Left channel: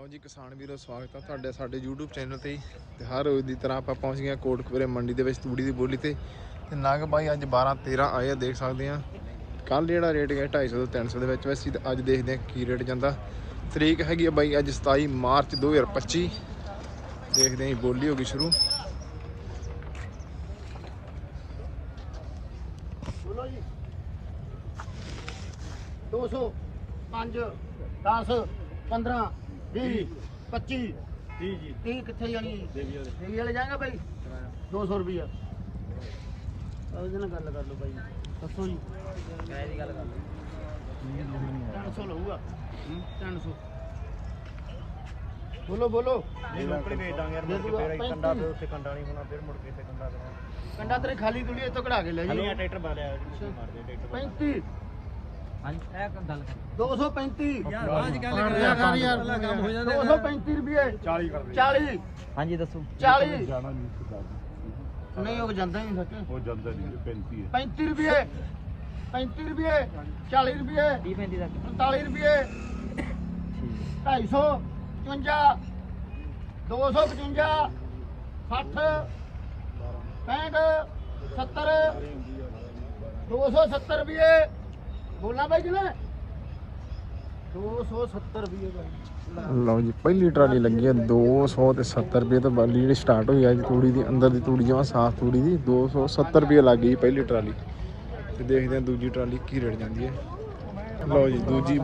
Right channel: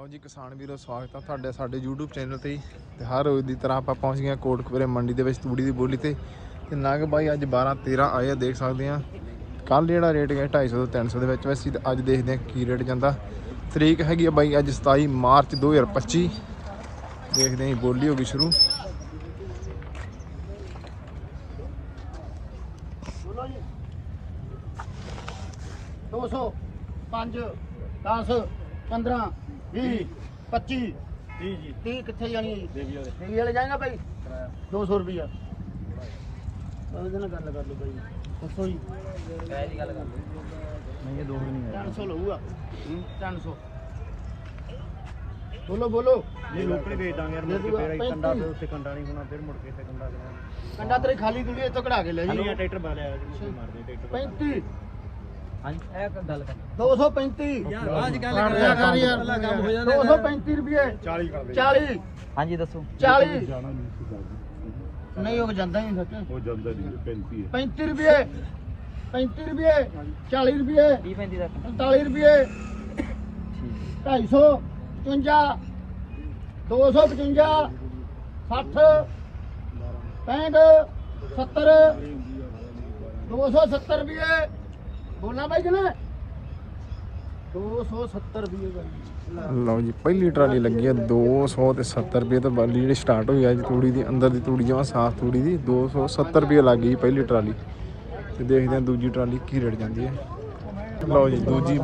ਲਓ ਜੀ, ਕਿਸਾਨ ਵੀਰੋ, ਸਵਾਗਤ ਆ ਤੁਹਾਡੇ ਸਾਡੇ YouTube ਚੈਨਲ ਤੇ ਤੇ ਹਰ ਰੋਜ਼ ਦੀ ਤਰ੍ਹਾਂ ਆਪਾਂ ਪਹੁੰਚ ਗਏ ਹਾਂ ਕੋਟਕਪੁਰੇ ਮੰਡੀ ਦੇ ਵਿੱਚ ਤੂੜੀ ਦੀ ਬੋਲੀ ਤੇ। ਤੇ ਨਗ ਬਾਈ, ਅੱਜ 12 13 ਆਏ ਆ, ਦੇਖ ਸਕਦੇ ਆ। ਕੱਲ ਜਿਹੜਾ ਰੇਟ ਗਿਆ 250 ਤੋਂ 300 ਦੇ ਵਿੱਚ। ਵੈਸੇ ਤੇ ਅੱਜ ਦੇਖਦੇ ਆ ਕੀ ਰੇਟ ਜਾਂਦਾ। ਤਰੀਕ ਹੈਗੀ ਆ ਬਾਈ, ਅੱਜ 27 ਮਾਰਚ 2025 ਦੇਖਦੇ ਹਾਂ ਬੋਲੀ ਹੋ ਗਈ ਸ਼ੁਰੂ। ਦੋ ਸੌ, ਪੰਜ 10 15 20 25 30 ਜੀ। 30 ਕਿੱਥੇ ਜਾਣੀ ਹੈ ਜੀ? ਦੇਵੀ ਵਾਲੇ। ਜਾਏਗਾ ਭਾਈ 200 ਰੁਪਿਆ ਉਹਦੇ ਨਾਲ ਗੱਲ ਕਰ ਲਓ ਭਾਈ ਦੱਸੋ ਜੀ। ਐ ਦੀ ਗੱਲ ਕਰ ਲਓ। ਨਹੀਂ ਇਹ ਦੋ ਨਹੀਂ 300 ਲਊਗਾ। 300 ਬੋਲੋ ਬੋਲੋ। ਨਹੀਂ ਮੁੱਕੇ ਵੇਚ ਦਾਂਗੇ ਯਾਰ ਦੇ ਦੂਗਾ। ਮੁੱਕੇ ਤੇਰਾ ਕੰਡਾ 35 ਦੋ ਸੈਕਿੰਡਾਂ ਨਹੀਂ ਹੋਣਾ ਫਿਰ ਮੁੜ ਕੇ ਤੇ ਕੰਡਾ ਦੇਣਾ। ਕੰਡਾ ਤੇਰੇ ਖਾਲੀ ਤੁਲੀ ਇੱਥੋਂ ਕਢਾ ਕੇ ਲੈ ਜੀ ਹਲੋ ਟਰੈਕਟਰ ਬਾਲਿਆ ਜੀ ਮਾਰਦੇ ਟਰੈਕਟਰ 35 ਹਾਂਜੀ ਇਹ ਗੱਲ ਕਰ 235 ਯਾਰ ਬਾਅਦ ਗੱਲ ਕਰ ਲਿਆ ਕਰ ਯਾਰ ਕੰਮ ਹੋ ਜਾਂਦਾ 235 ਰੁਪਏ। 40 ਕਰ ਦੇ। 40 ਹਾਂਜੀ ਦੱਸੋ। 40 ਜਾਣਾ ਨਹੀਂ ਸੀ ਨਹੀਂ ਉਹ ਜਾਂਦਾ ਹੀ ਨਹੀਂ ਸੱਚ। ਉਹ ਜਾਂਦਾ ਜੀ 35 ਹੈ। 35 ਰੁਪਏ। 35 ਰੁਪਏ। 40 ਰੁਪਏ। 30 35 ਤੱਕ। 45 ਰੁਪਏ। 250 55 255 60 65 70 270 ਰੁਪਏ। ਬੋਲਣਾ ਬਾਈ ਕਿ ਨਾ 270 ਰੁਪਏ ਬਾਈ ਲਓ ਜੀ ਪਹਿਲੀ ਟਰਾਲੀ ਲੱਗੀ ਆ 200 ਤੇ 70 ਰੁਪਏ ਤੋਂ ਬਾਲੀ ਜਿਹੜੀ ਸਟਾਰਟ ਹੋਈ ਅੱਜ ਤੂੜੀ ਦੀ ਅੰਦਰ ਦੀ ਤੂੜੀ ਜਮਾ ਸਾਫ਼ ਤੂੜੀ ਦੀ 270 ਰੁਪਏ ਲੱਗ ਗਈ ਪਹਿਲੀ ਟਰਾਲੀ। ਤੇ ਦੇਖਦੇ ਆ ਦੂਜੀ ਟਰਾਲੀ ਕੀ ਰੇਟ ਜਾਂਦੀ ਹੈ ਲਓ ਜੀ ਦੂਜੀ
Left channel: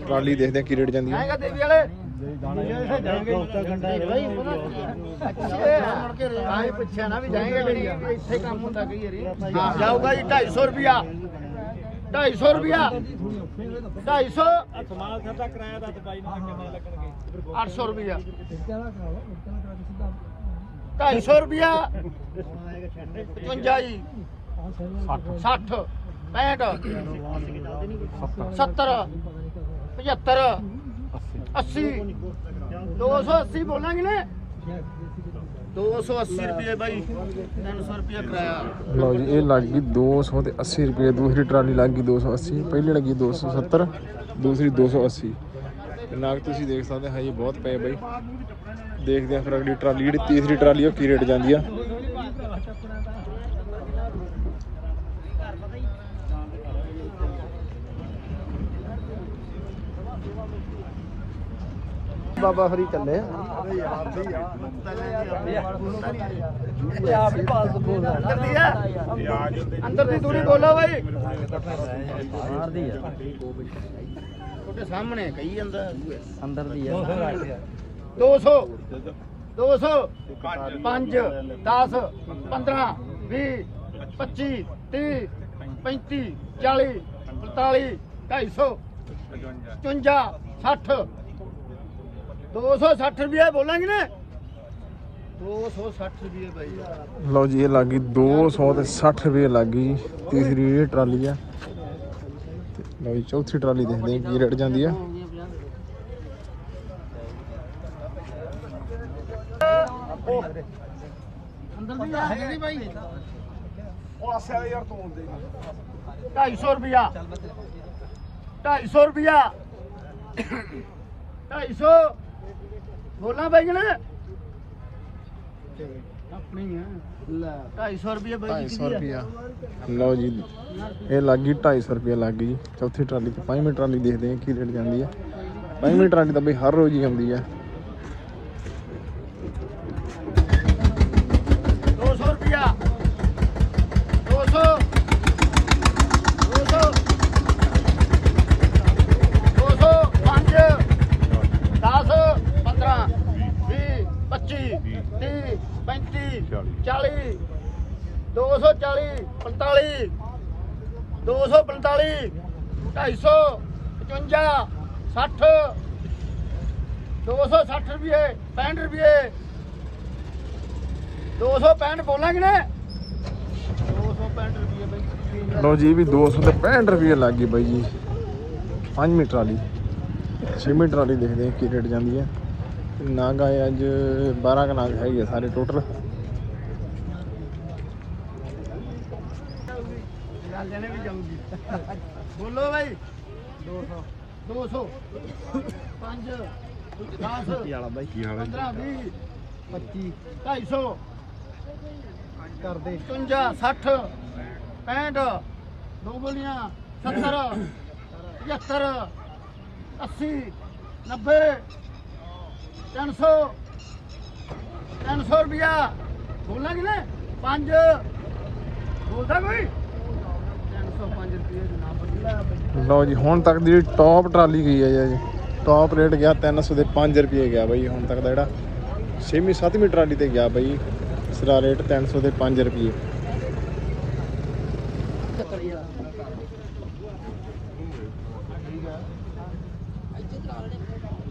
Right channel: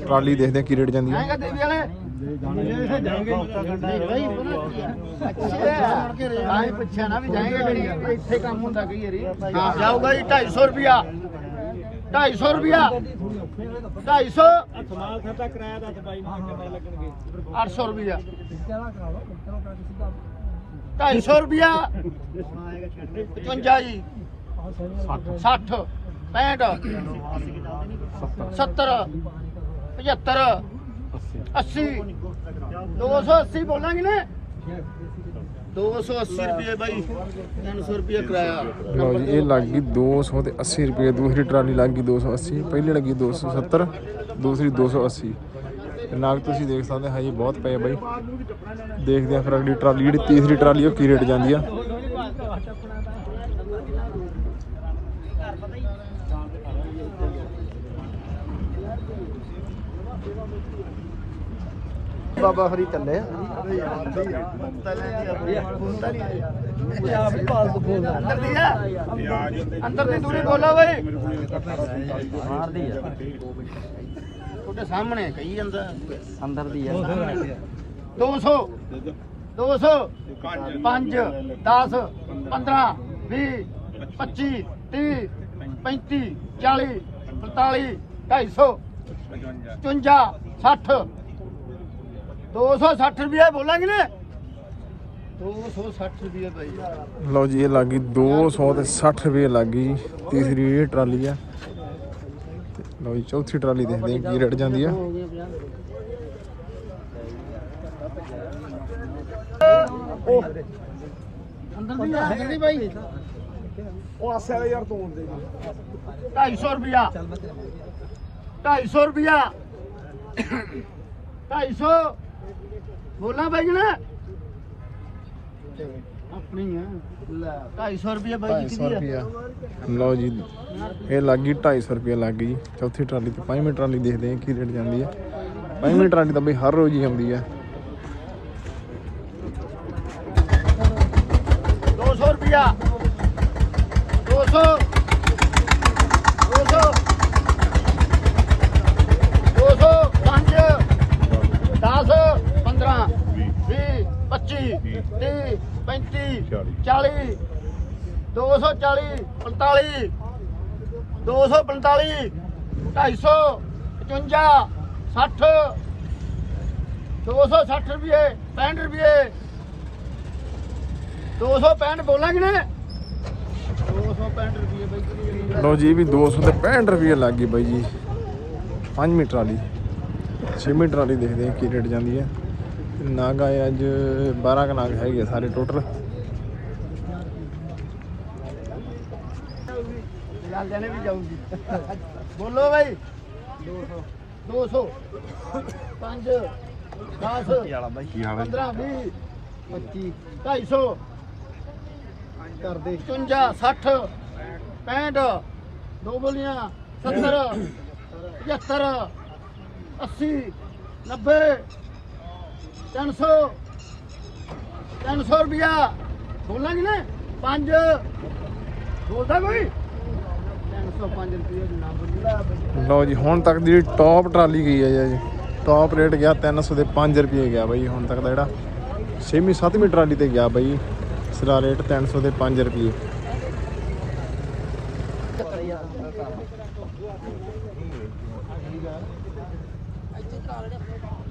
ਟਰਾਲੀ ਦੇਖਦੇ ਆ ਕੀ ਰੇਟ ਜਾਂਦੀ ਹੈ ਜਾਏਗਾ ਦੇਵੀ ਵਾਲੇ। ਨਹੀਂ ਭਾਈ ਪਤਾ ਕੀ ਆ। ਅੱਛਾ। ਆਈ ਪੁੱਛਿਆ ਨਾ ਵੀ ਜਾਏਗਾ ਕਿ ਨਹੀਂ। ਇੱਥੇ ਕੰਮ ਹੁੰਦਾ ਕਈ ਵਾਰੀ। ਜਾਊਗਾ ਜੀ 250 ਰੁਪਿਆ 250 ਰੁਪਿਆ 250 ਸਮਾਲ ਖਰਚਾ ਕਰਾਇਆ ਦੱਸ ਬਾਈ ਨੂੰ ਕਿੰਨੇ ਲੱਗਣਗੇ 800 ਰੁਪਿਆ 250 ਰੁਪਿਆ 55 ਜੀ 60 65 70 75 80 280 ਬੋਲਾਂਗੇ ਨੇ 280 ਰੁਪਏ ਬਾਈ। 300 ਰੁਪਏ ਕਿਰਾਇਆ ਲਓ ਜੀ ਇਹ ਲੱਗ ਗਈ 200 ਤੇ 80 ਰੁਪਏ ਦੂਸਰੀ ਟਰਾਲੀ ਲੱਗ ਗਈ 280 ਪਹਿਲੀ ਲੱਗੀ 270 ਦੂਸਰੀ 280 ਨਾਗ ਤੁਸੀਂ ਦੇਖ ਸਕਦੇ ਹੋ ਹਜੀ ਬਹੁਤ ਪਏ ਬਈ ਦੇਖਦੇ ਆ ਫਿਰ ਅਗਲੀ ਟਰਾਲੀ ਜਿਹੜੀ ਤੀਸਰੀ ਟਰਾਲੀ ਉਹ ਕੀ ਰੇਟ ਜਾਂਦੀ ਆ ਆਪ ਹੀ ਪਾਸ ਬੋਲਦਾ ਅੰਦਰ ਦੀ ਆ। ਅੰਦਰ ਦੀ ਦੂਰੀ ਬੋਲੋ ਬਈ। ਤੁਹਾਡੇ ਸਾਹਮਣੇ ਕਹੀ ਜਾਂਦਾ। ਅੰਦਰ ਦੀ 200 200 5 10 15 20 25 30 35 40 45 250 55 60 260 ਰੁਪਏ ਬੋਲਾਂਗੇ ਨੇ। 260 ਰੁਪਏ ਭਾਈ ਲਓ ਜੀ ਇਹ ਲੱਗ ਗਈ 200 ਤੇ 60 ਰੁਪਏ ਲੱਗ ਤੀਸਰੀ ਇਹ ਟਰਾਲੀ ਆ। ਤੇ ਲਓ ਜੀ ਚੌਥੀ ਟਰਾਲੀ ਦੇਖਦੇ ਆ ਕੀ ਰੇਟ ਜਾਂਦੀ ਆ। ਅੰਦਰ ਦੀ ਆ ਅੰਦਰ ਦੀ ਭਾਈ ਉਹ ਆਸੇ ਵਾਲੇ ਯਾਰ ਤੋੜ ਦੇ 250 ਰੁਪਿਆ 250 ਰੁਪਿਆ 250 ਬੋਲਾਂ ਬਾਈ ਜਣਾ। ਆਪਣੀ ਆ। 250 ਰੁਪਿਆ ਬਾਈ 250 ਕਿਹਦੀ ਆ? ਰੁਪਿਆ ਲਓ ਜੀ। ਇਹ ਲੱਗ ਗਈ 250 ਰੁਪਏ ਲੱਗ ਗਈ। ਚੌਥੀ ਟਰਾਲੀ ਤੇ ਪੰਜਵੀਂ ਟਰਾਲੀ ਦੇਖਦੇ ਆ ਕੀ ਰੇਟ ਜਾਂਦੀ ਆ। ਪੰਜਵੀਂ ਟਰਾਲੀ ਤਾਂ ਬਈ ਹਰ ਰੋਜ਼ ਹੀ ਜਾਂਦੀ ਆ। 200 ਰੁਪਿਆ 200 200 200 5 10 15 20 25 30 35 40 240 45 245 250 55 60 260 ਰੁਪਏ 65 ਰੁਪਏ। 265 ਬੋਲਾਂਗੇ ਨੇ 265 ਰੁਪਏ ਬਾਈ? ਲਓ ਜੀ ਵੀ 200 ਤੇ 65 ਰੁਪਏ ਲੱਗ ਗਈ ਬਾਈ ਜੀ। ਪੰਜਵੀਂ ਟਰਾਲੀ ਛੇਵੀਂ ਟਰਾਲੀ ਦੇਖਦੇ ਆ ਕੀ ਰੇਟ ਜਾਂਦੀ ਹੈ। ਨਾਗ ਆਏ ਅੱਜ 12 ਕੁ ਨਾਗ ਹੈਗੇ ਸਾਰੇ ਟੋਟਲ ਲਾਲਿਆਂ ਨੇ ਵੀ ਜਾਊਗੀ। ਬੋਲੋ ਬਾਈ। 200 200 5 10 15 20 25 250 ਕਰਦੇ। 55 60 65 ਦੋ ਬੋਲੀਆਂ 70 75 80 90 300 300 ਰੁਪਿਆ ਬੋਲਾਂਗੇ ਨਾ 5 ਬੋਲਦਾ ਕੋਈ? 305 ਰੁਪਏ ਦੀ ਲਓ ਜੀ, ਹੁਣ ਤੱਕ ਦੀ ਟੌਪ ਟਰਾਲੀ ਗਈ ਹੈ ਜੀ ਟੌਪ ਰੇਟ ਗਿਆ 300 ਦੇ 5 ਰੁਪਏ ਗਿਆ ਬਾਈ, ਹੁਣ ਤੱਕ ਦਾ ਜਿਹੜਾ 6ਵੀਂ 7ਵੀਂ ਟਰਾਲੀ ਤੇ ਗਿਆ ਬਾਈ। ਇਸ ਦਾ ਰੇਟ 300 ਦੇ 5 ਰੁਪਏ।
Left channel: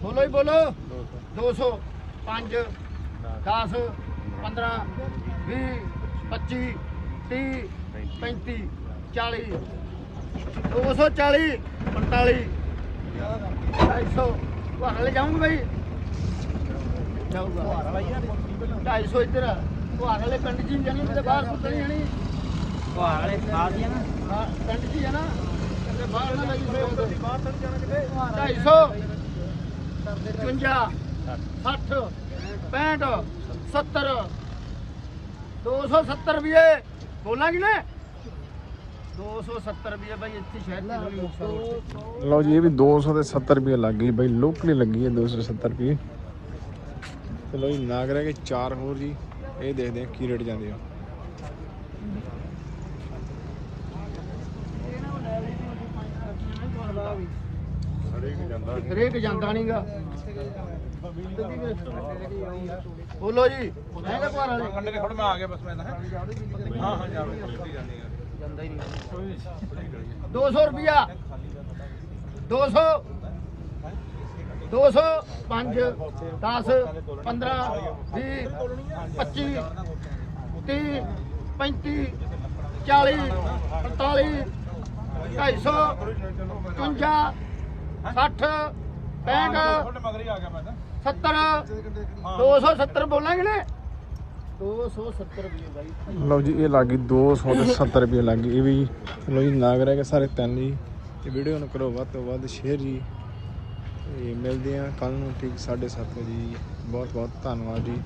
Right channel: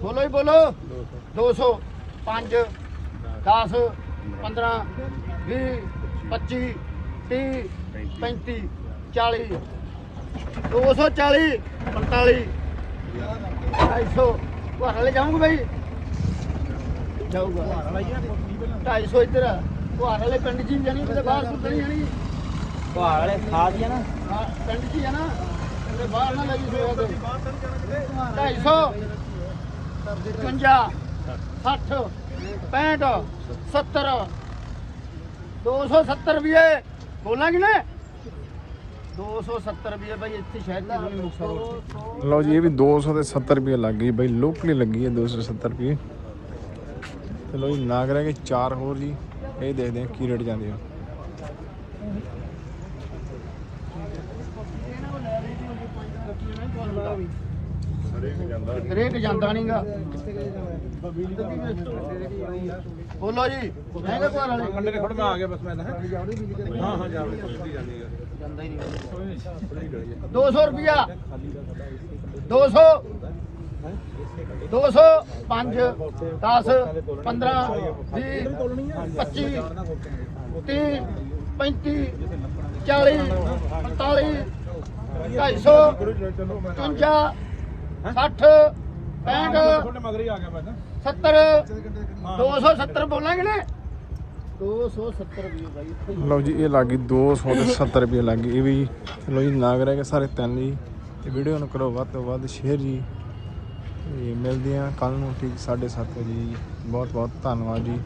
ਬੋਲੋ ਹੀ ਬੋਲੋ। 200 5 10 15 20 25 30 35 40 240 45 250 ਘਰ ਲੈ ਜਾਊਂਗਾ ਭਾਈ ਜਾਊਗਾ। 250 ਇੱਧਰ ਵਾਲੇ ਪਿੰਡ ਜੀ ਜਾਣੀ ਕਿਤੇ ਬਾਹਰ ਕੁੱਟਣੀ ਜਾਣੀ ਪਹਾੜ ਵਾਲੇ ਖਾ ਦਿਆ ਨਾ। ਹਾਂ ਪਿੰਡ ਹੀ ਆ ਨਾ। ਤੇ ਬਾਹਰ ਨਾ ਲੱਗੀ ਸੋਇਆ ਤੇ 250 55 60 65 70 270 ਰੁਪਏ ਬੋਲਾਂਗੇ ਨਾ 270 ਰੁਪਏ ਬਾਈ ਇੱਥੇ ਸ਼ਹਿਰ ਦੀ ਸੋਣੀ ਮੁਕਸਰ ਰੋਡ ਤੇ। ਲਓ ਜੀ ਇਹ ਵੀ 270 ਰੁਪਏ ਲੱਗ ਗਈ ਬਾਈ ਲੋਕਲੀ ਲੱਗੀ ਹੈ 270 ਰੁਪਏ ਚਲੋ ਜੀ ਨਾਗ ਰਹਿ ਗਏ ਚਾਰ ਹੋਰ ਜੀ। ਇਹ ਦੇਖਦੇ ਹਾਂ ਕੀ ਰੇਟ ਜਾਂਦੇ ਆ। ਇਹਨਾਂ ਕੋਲ ਲੈ ਲਈ ਦੀ ਹੁੰਦੀ 5 ਰੁਪਏ ਨਹੀਂ ਤੁਹਾਨੂੰ। ਹਰੇਕ ਜਾਂਦਾ ਹਰੇਕ ਜਾਂਦਾ ਨਹੀਂਗਾ। ਬੋਲੋ ਜੀ ਹੈਗੇ ਘਰ ਵਾਲੇ? ਕੰਡੇ ਦੇ ਖੜਵਾ ਆ ਗਿਆ ਬਸ ਮੈਂ ਤਾਂ ਜਾਂਦਾ ਹੀ ਨਹੀਂ 200 ਰੁਪਿਆ 200 200 5 10 15 20 25 30 35 40 45 250 55 60 65 ਮਗਰ ਹੀ ਆ ਗਿਆ ਮੈਂ ਤਾਂ। 70 270 ਬੋਲਾਂਗੇ ਨਾ। 270 ਰੁਪਏ ਬਾਈ ਲਓ ਜੀ ਇਹ ਲੱਗ ਗਈ 270 ਰੁਪਏ ਲੱਗ ਗਈ। ਇਹ ਵੀ ਲਓ ਜੀ ਨਾਗ ਰਹਿ ਗਏ ਸਾਰੇ ਤਿੰਨ ਜੀ। ਤੇ ਵੀਡੀਓ ਨੂੰ ਕਰੋ ਵੱਧ ਤੋਂ ਵੱਧ ਸ਼ੇਅਰ ਜੀ। ਤੇ ਮਿਲਦੇ ਆ ਕੱਲ ਨੂੰ ਠੀਕ 7:30 ਵਜੇ ਜੀ। ਬਹੁਤ ਬਹੁਤ ਧੰਨਵਾਦ ਜੀ।